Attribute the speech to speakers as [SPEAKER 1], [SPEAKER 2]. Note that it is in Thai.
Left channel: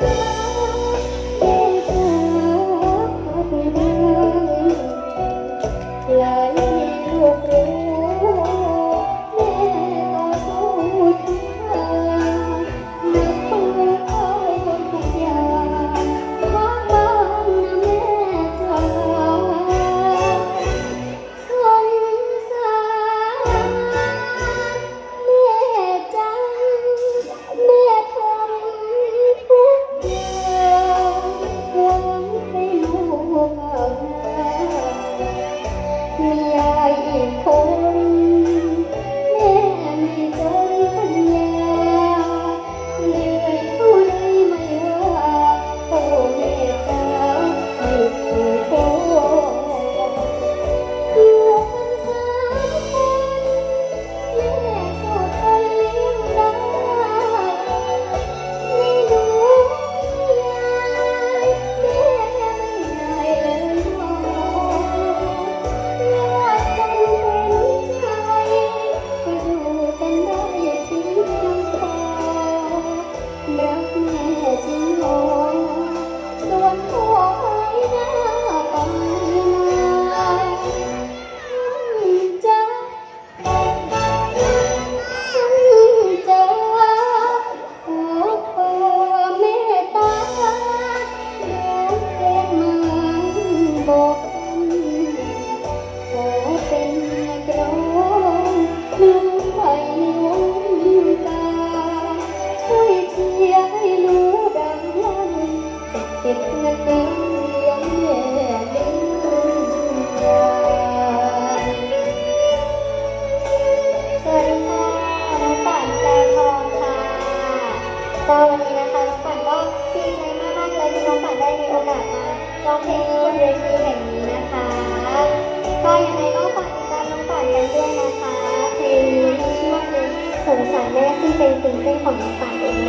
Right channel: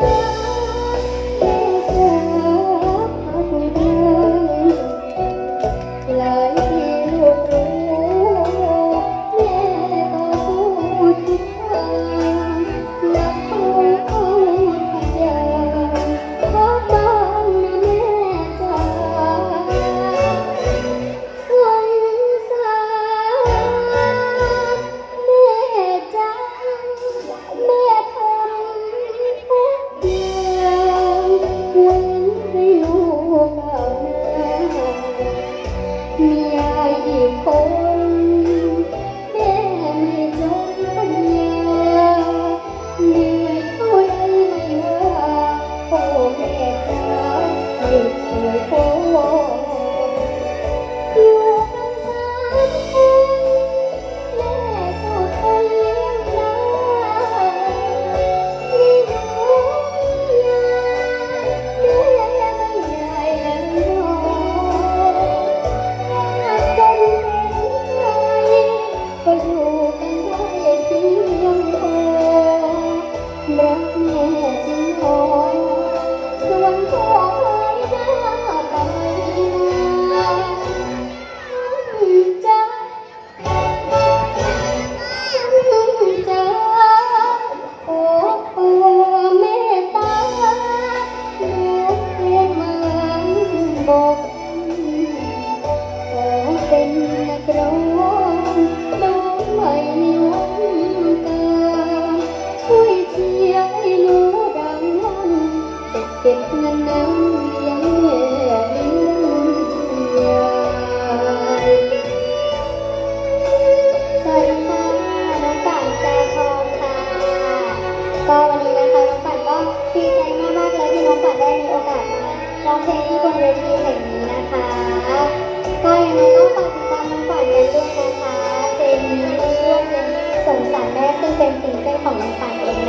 [SPEAKER 1] Lord. 你不懂。 ก็วันนี้นะคะน้องปั่นก็ดีใจมากๆเลยที่น้องปั่นได้มีโอกาสมาร้องเพลงที่บนเวทีแห่งนี้นะคะ ก็ยังไงก็ฝากติดตามน้องปั่นกันด้วยนะคะเพลงนี้มีชื่อเพลงสงสารแม่ซึ่งเป็นสิ่งเกิลของน้องปั่นเอง